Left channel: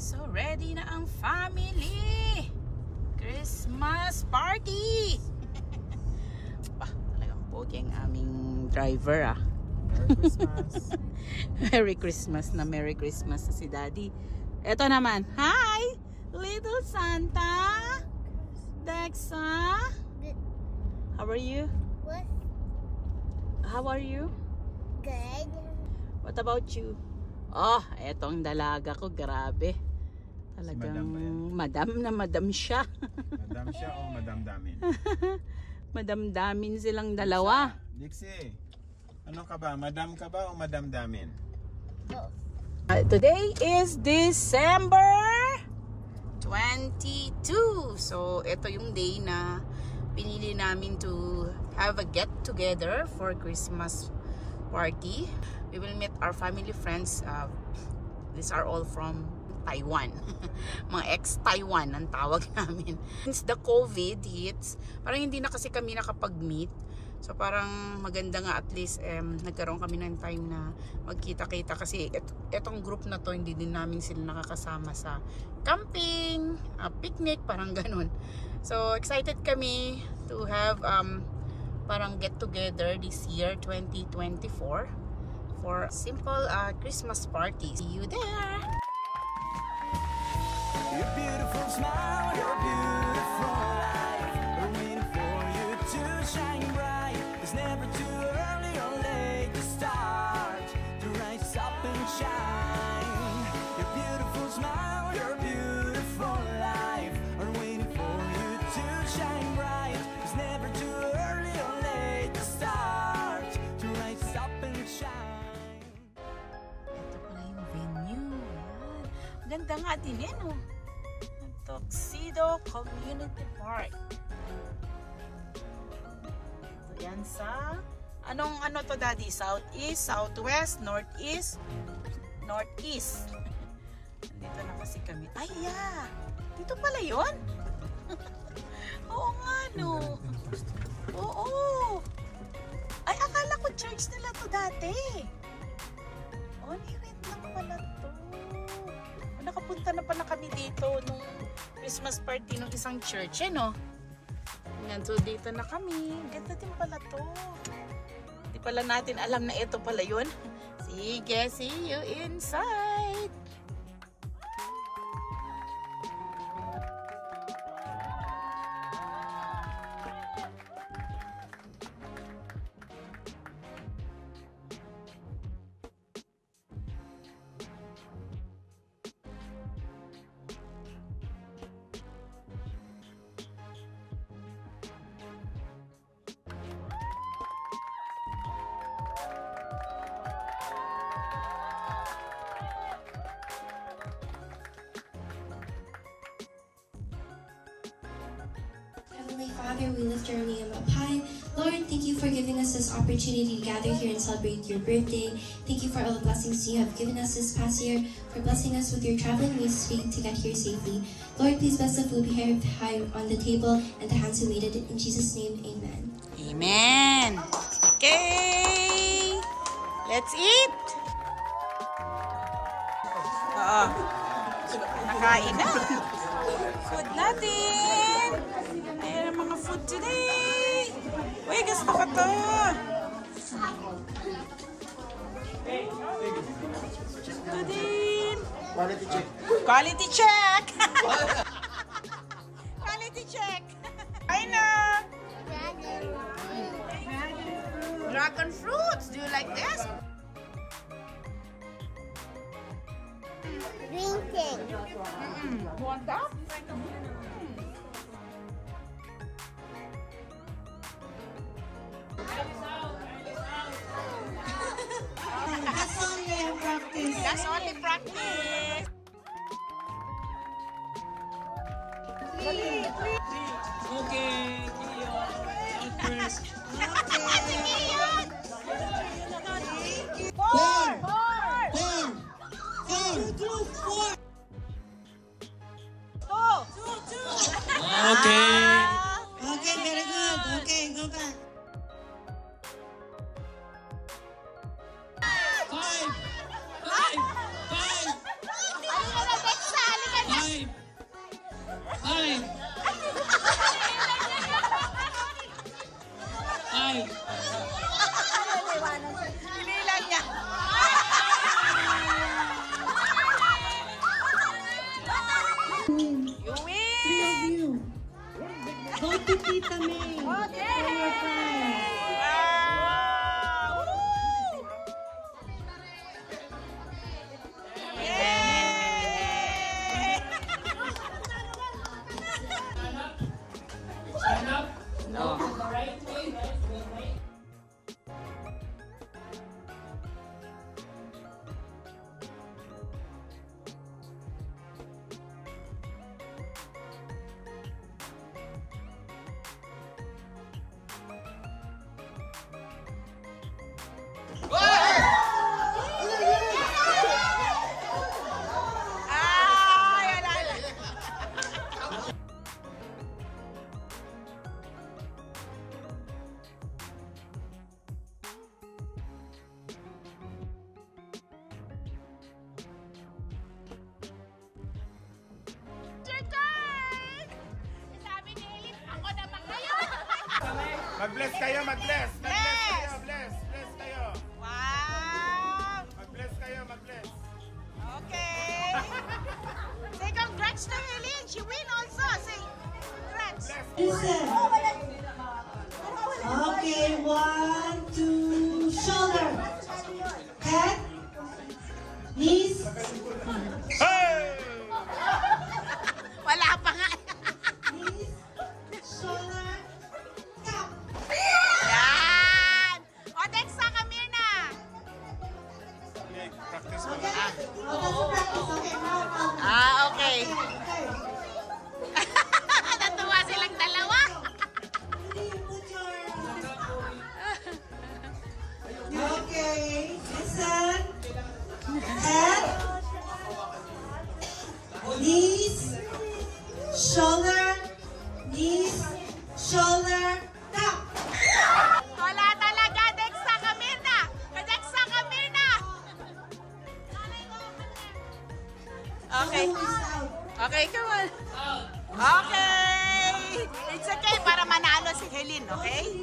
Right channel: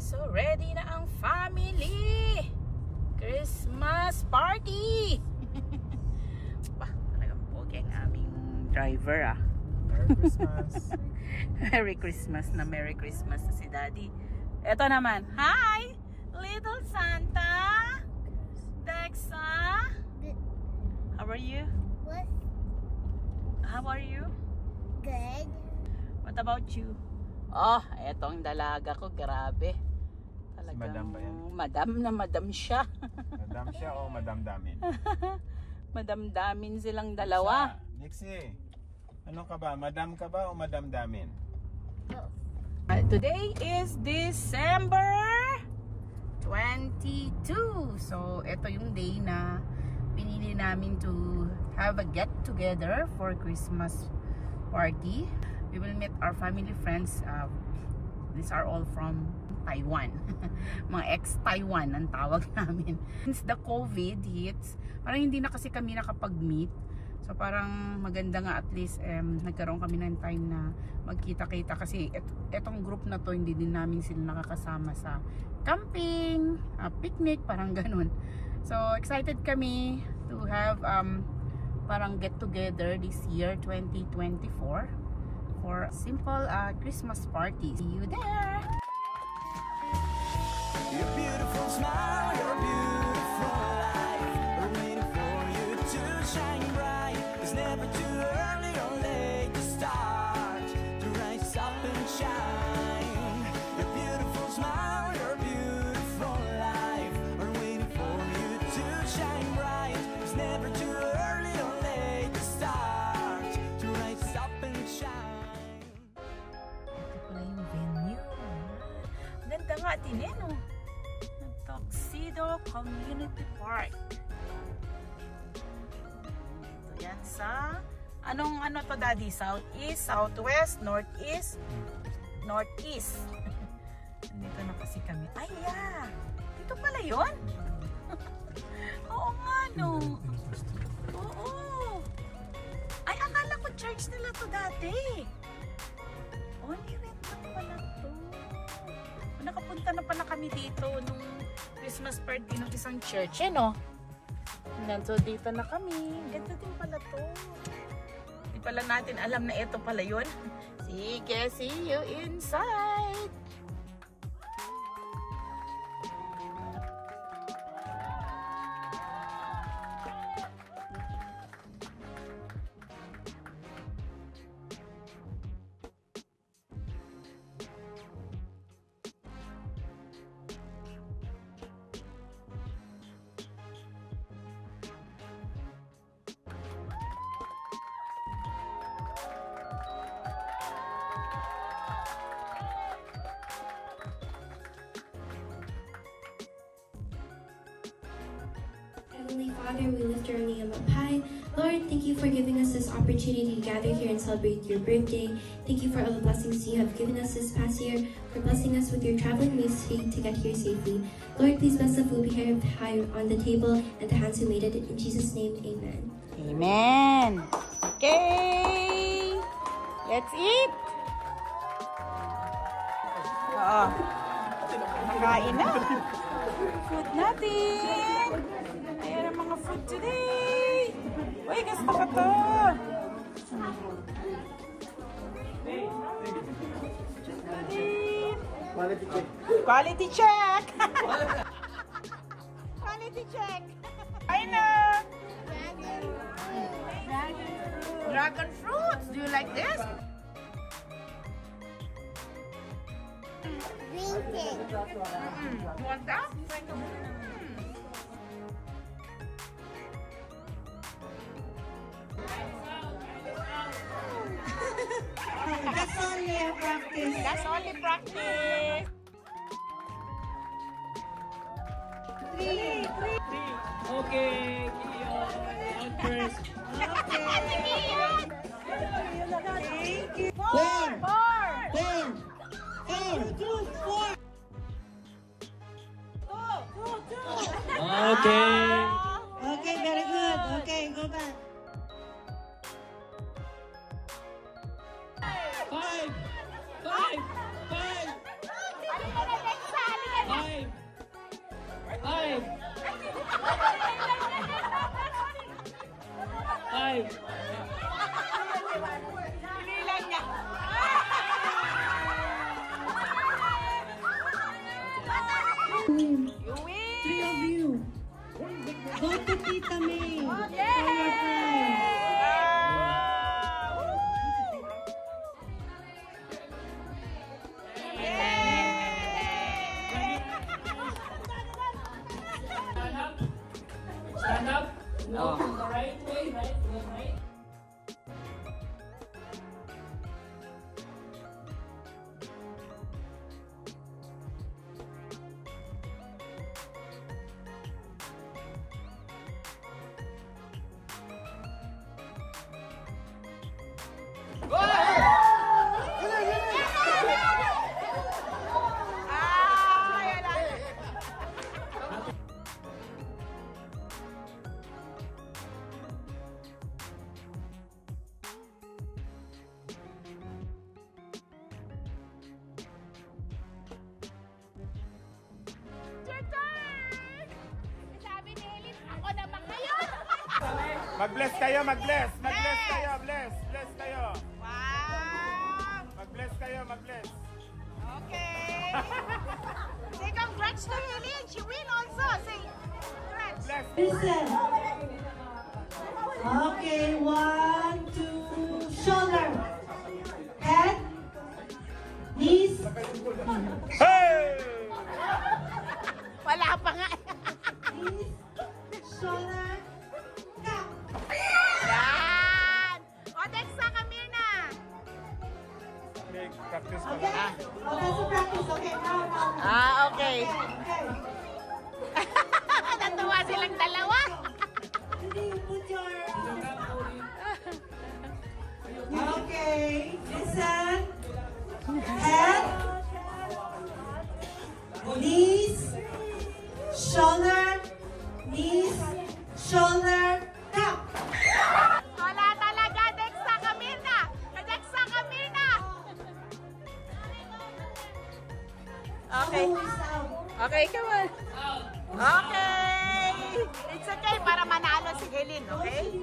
So ready na ang family Christmas party. Talagang pogi ang aming driver ah. Merry Christmas. Merry Christmas na Merry Christmas na si Daddy. Eto naman, hi little Santa Dexa. How are you? What? How are you? Good. What about you? Oh, eto ang dalaga ko, grabe. Si Madam ba yan? Madam na madam siya. Madam siya o Madam Damin? Madam Damin silang dalawa. Dixie, ano ka ba? Madam ka ba o Madam Damin? Today is December 22. So, ito yung day na pinili namin to have a get together for Christmas party. We will meet our family friends. These are all from Taiwan. Mga ex-Taiwan ang tawag namin. Since the COVID hits, parang hindi na kasi kami nakapag-meet. So parang maganda nga at least nagkaroon kami ng time na magkita-kita kasi etong group na to hindi din namin sila nakakasama sa camping, picnic, parang ganun. So excited kami to have parang get together this year 2024 for simple Christmas party. See you there! Your beautiful smile, your beautiful life, we're waiting for you to shine bright. It's never too early or late to start, to rise up and shine. Your beautiful smile, your beautiful life, we're waiting for you to shine bright. It's never too early or late to start, to rise up and shine. Ito pala yung venue. Ganda nga din yan oh. Tuxedo Community Park. Ito yan sa ano to Daddy? Southeast, Southwest, Northeast, Northeast. Nandito na kasi kami. Ay yeah! Dito pala yun? Oo nga no. Oo. Ay akala ko church nila to dati. Oh, nirento pala to. Nakapunta na pala kami dito nung Christmas party ng isang church, eh, no? And so, dito na kami. Ganda din pala to. Hindi pala natin alam na ito pala yun. Sige, see you inside! Heavenly Father, we lift your name up high. Lord, thank you for giving us this opportunity to gather here and celebrate your birthday. Thank you for all the blessings you have given us this past year, for blessing us with your traveling means to get here safely. Lord, please bless the food we have on the table and the hands who made it. In Jesus' name, amen. Amen! Okay! Let's eat! Oo. Nakain na. Food natin! Ayan ang mga food today! Uy, gusto ko to! Ito din! Quality check. Quality check! Quality check! I know! Dragon fruits! Do you like this? Green thing. Want that? That's only practice. Okay, eat first. Sige yan! Okay. Okay, very good. Okay, go back. Alin na na, Dexa! to Tita May. Wow! Woo! Yay! Stand up. Oh. Right way. Ah, yan, yan. Your turn! Sabi ni Elin, ako naman ngayon. Mag-bless kayo, mag-bless. Bless! Bless. Bless kayo. Wow! Mag-bless kayo, mag-bless. Okay. Say congrats to Helene. She win also. Say congrats. Listen. Okay, 1, 2, shoulder. Head. Knees. Hey! Wala pa nga. Knees. Shoulder. Tap. Yan. O, next sa Kamirna. Practice mo. Okay? Oh, that's a practice. Okay, now. Ah, okay. Okay. Natuwa silang dalawa. You put your... Okay, listen. Head. Knees. Shoulder. Knees. Shoulder. Tap. Wala talaga. Next sa Kamirna. Next sa Kamirna. Okay. Okay, come on. Okay. It's okay para manalo si Helene, okay?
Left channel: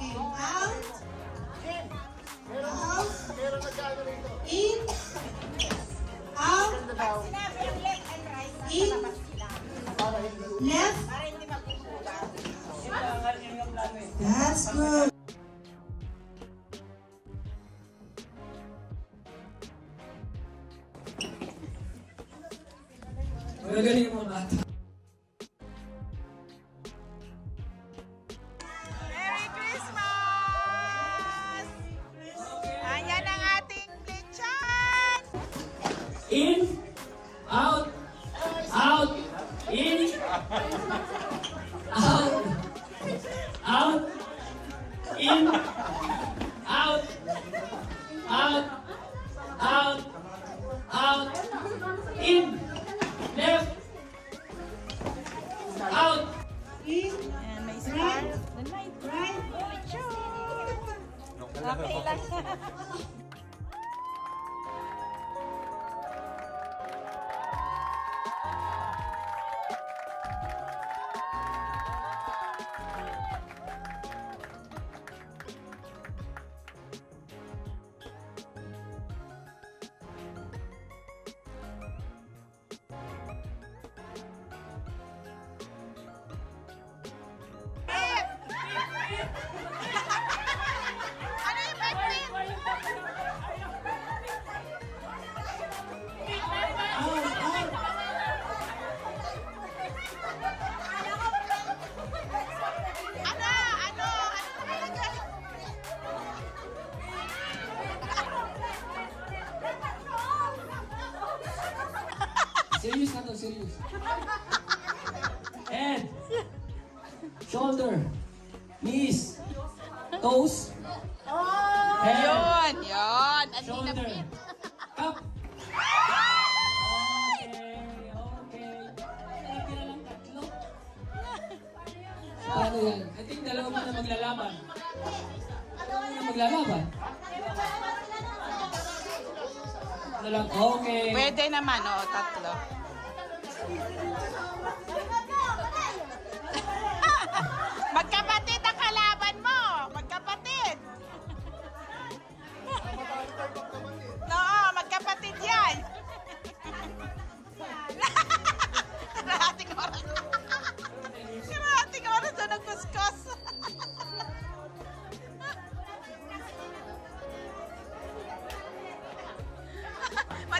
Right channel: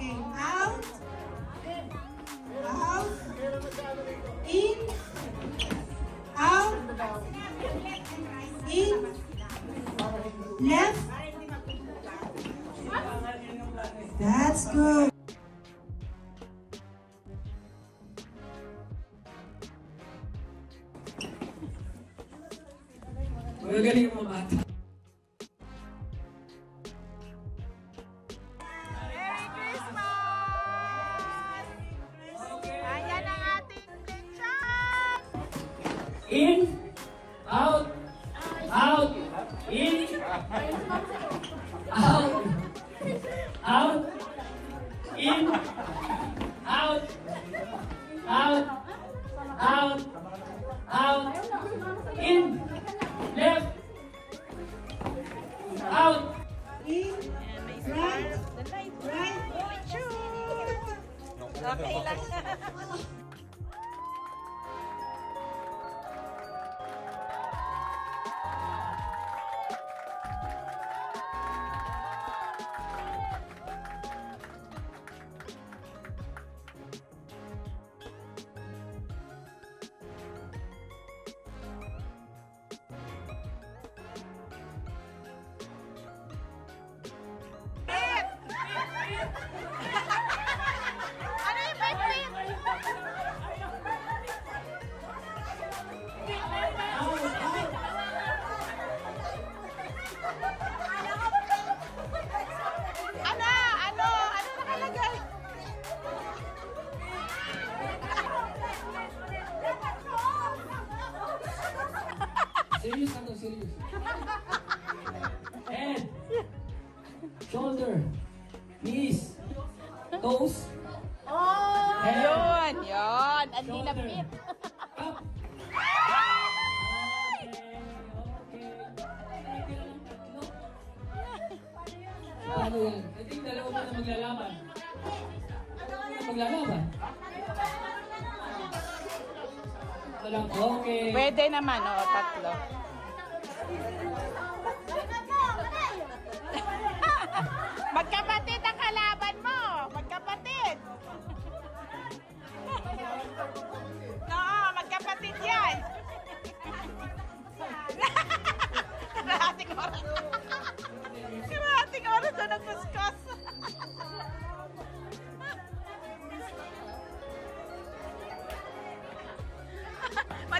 Okay, out. Out. In. Out. In. Left. That's good. Magagaling mo mata. Merry Christmas! Ayan ang ating lechon! In, out, out, in, out, out, in, out, out, out, out, in, left, out. In. Right. Right. Ano yung pipit? Ano nakalagay? Serious na to, serious. Head, shoulder, knees, toes, head, Yun. Ang shoulder, nilapit. up. Ano yan? I think dalawa mo na maglalaban. Dalawa mo na maglalaban. Okay. Pwede naman, oo, tatlo. Magkapatid ang kalaban mo. Magkapatid. Oo, magkapatid yan. Ating oras.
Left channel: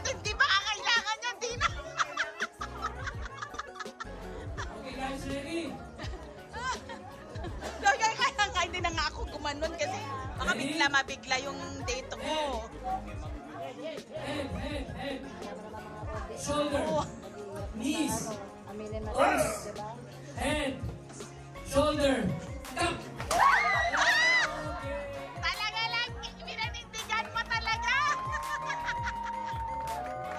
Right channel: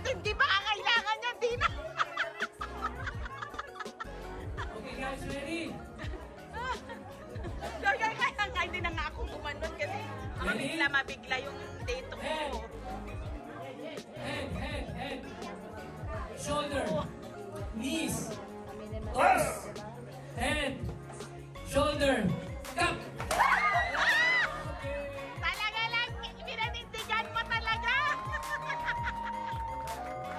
At hindi ba kailangan niya, di na. Okay guys, ready? Kaya hindi na nga ako gumanon kasi baka mabigla yung date ko. Head. Shoulder. Knees. Toes. Head. Shoulder. Cup. Talaga lang, pinanindigan mo talaga.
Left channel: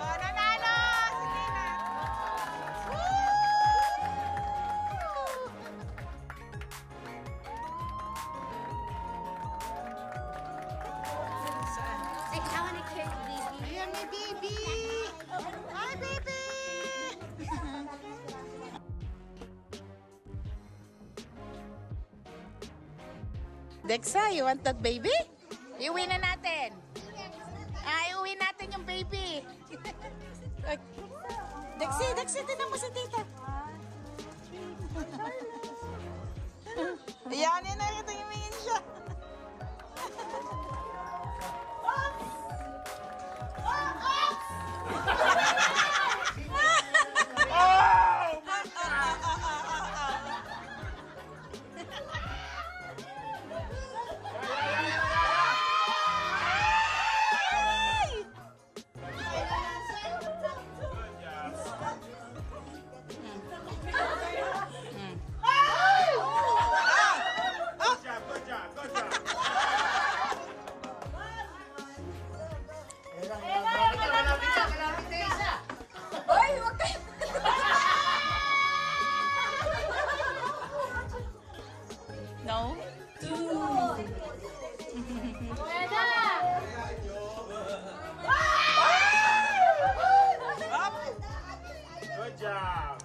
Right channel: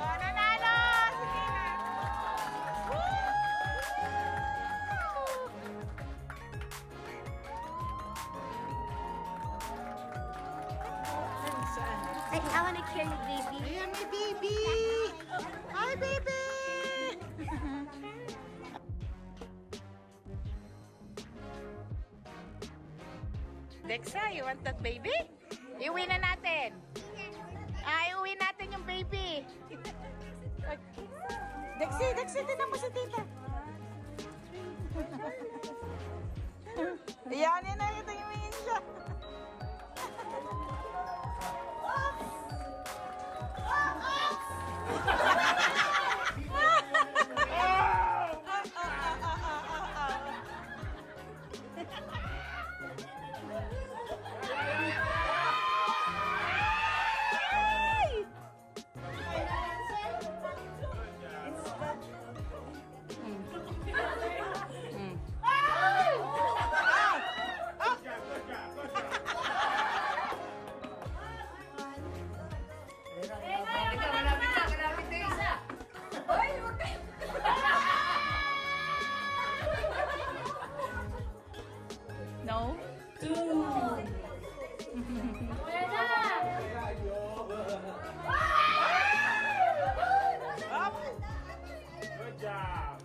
Oh, nanalo! Sige na. Like, I want to carry baby. Ayan, may baby! Hi, baby! Dexa, you want that baby? Iuwi na natin. Iuwi natin yung baby. Dexy, tinan mo si tita. Yan, yun na, tingin siya. No? Up! Good job.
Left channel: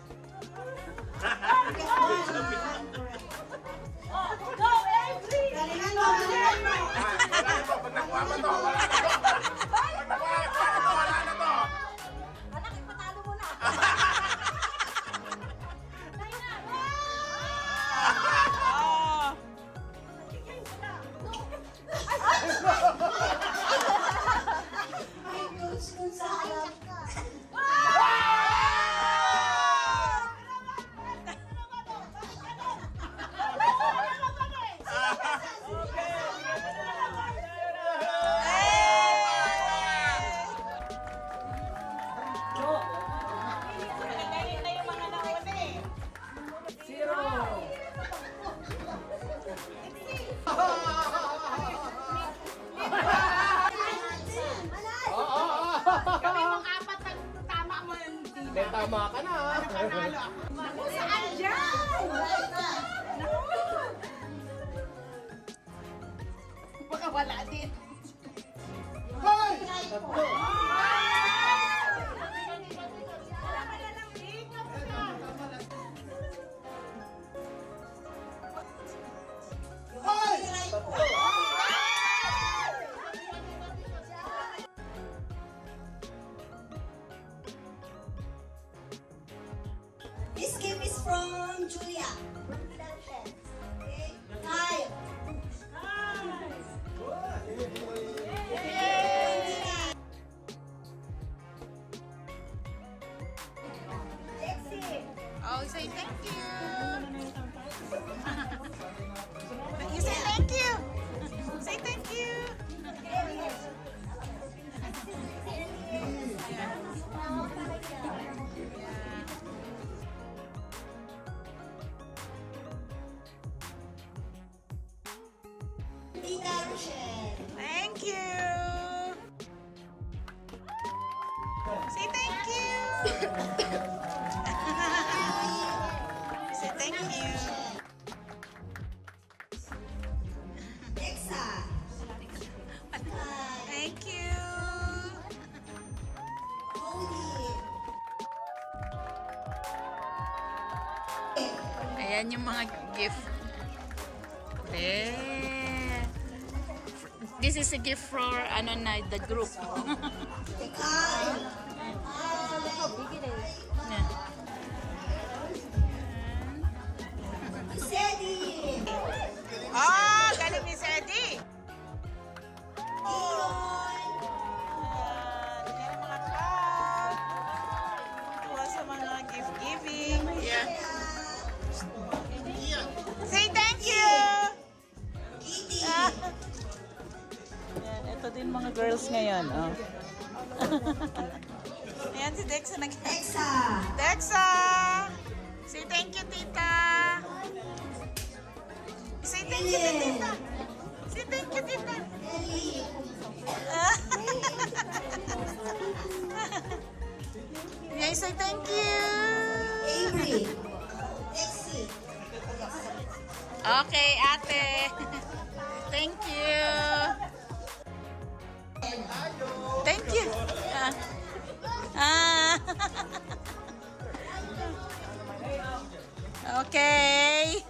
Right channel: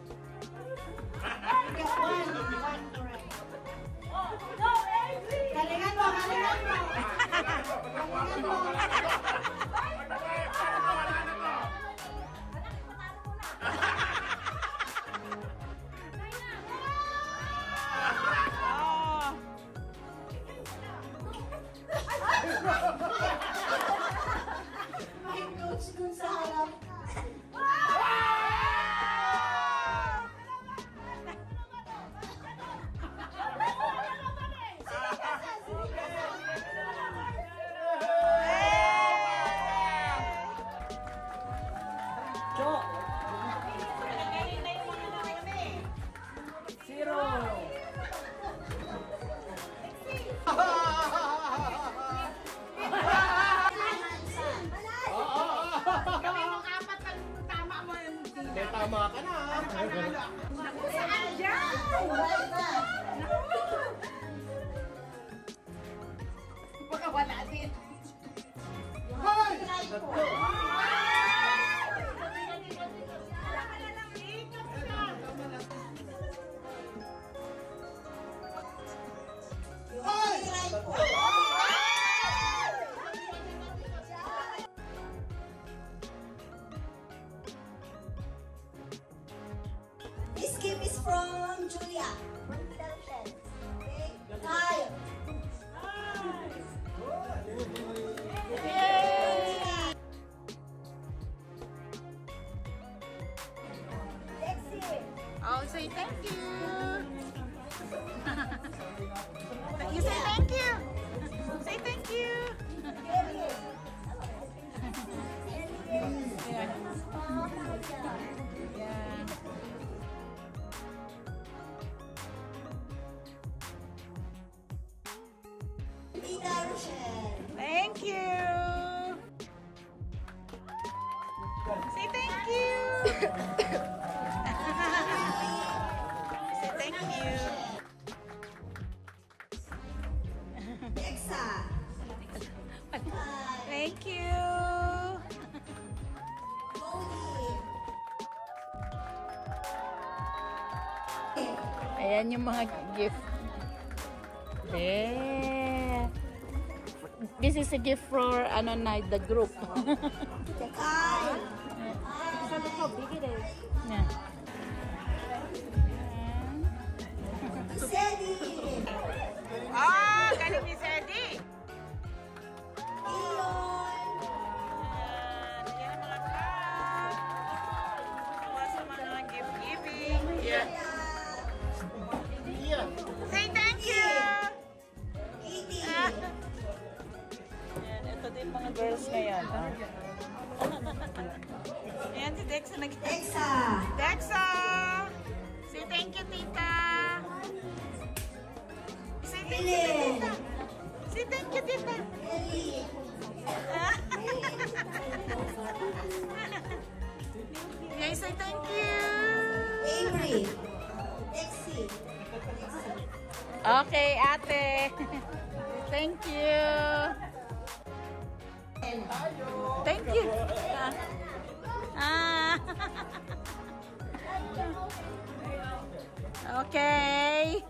Galingan mo, galingan mo. Pagnakuha mo to. Wala na to. Oh! May coach dun sa harap. Tama ka na. Saan dyan? Baka wala din. This gift is from Julia. From Philadelphia. Okay? Hi. Lexi. Oh, say thank you. You say thank you. Say thank you. Tita Rochelle. Thank you. Say thank you. Say thank you. Dexa. Thank you. Ayan yung mga gift. Yeah. This is a gift for ano na the group. Ah, galing ni Sedi. si Dexa nag- Dexa. Dexa! Say thank you, tita! Say thank you, tita! Say thank you, tita! Ellie. Yay, say thank you! Avery. Dexy. Okay, ate. Thank you. Thank you. Okay.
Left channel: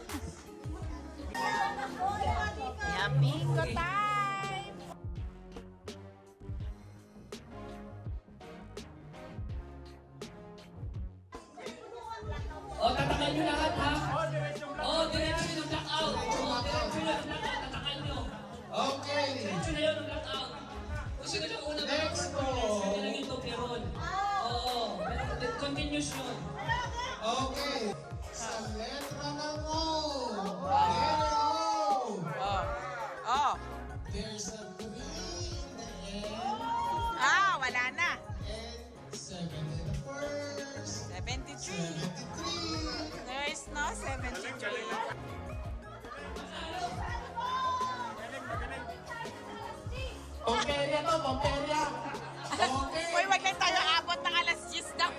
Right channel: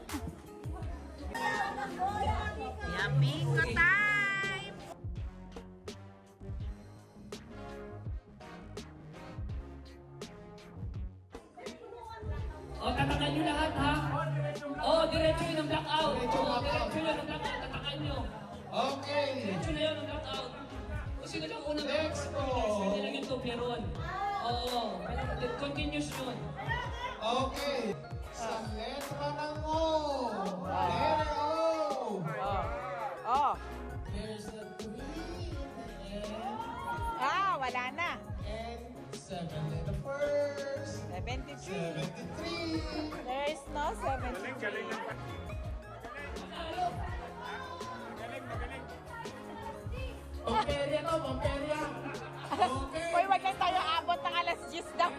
Yeah, bingo time. O, tatakan nyo lahat, ha? O, diretso yun ang knockout. O, diretso yun ang knockout. Tatakan nyo. Okay. Diretso na yun ang knockout. O, sino lang unang next po? Pwede lang yung Toblerone. Oo. Continuous yun. Okay. Sa letra ng O. Letra O. Oh. There's a 3 in the end. Wala na. And 7 in the first. 73. 73. There is no 73. Pomperia to, Pomperia. Okay. Uy, wag lang tayo abot ng alas 10 daw.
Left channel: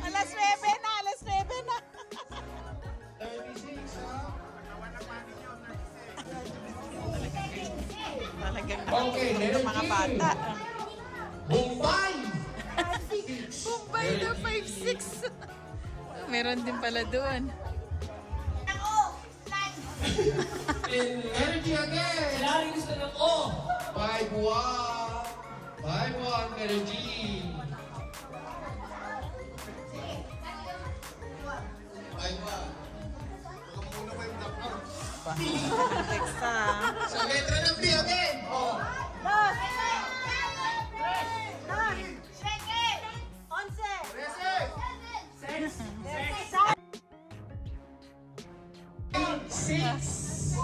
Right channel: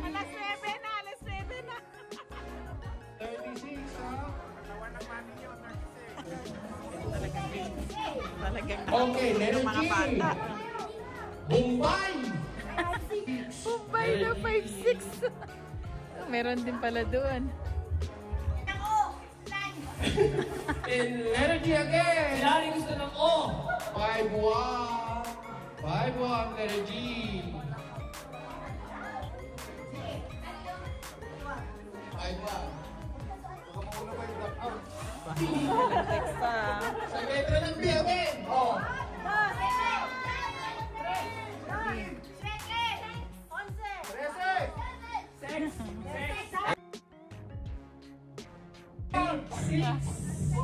Alas 9 na, alas 9 na. 36, ha? Talagang Okay, ng mga bata. Bombay! Bombay na 5-6. Meron din pala doon. Energy again! Dari gusto ng O! 5-1! 5-1 energy! 5-1. Ang Dexa. Sa letra ng B again! O! Six!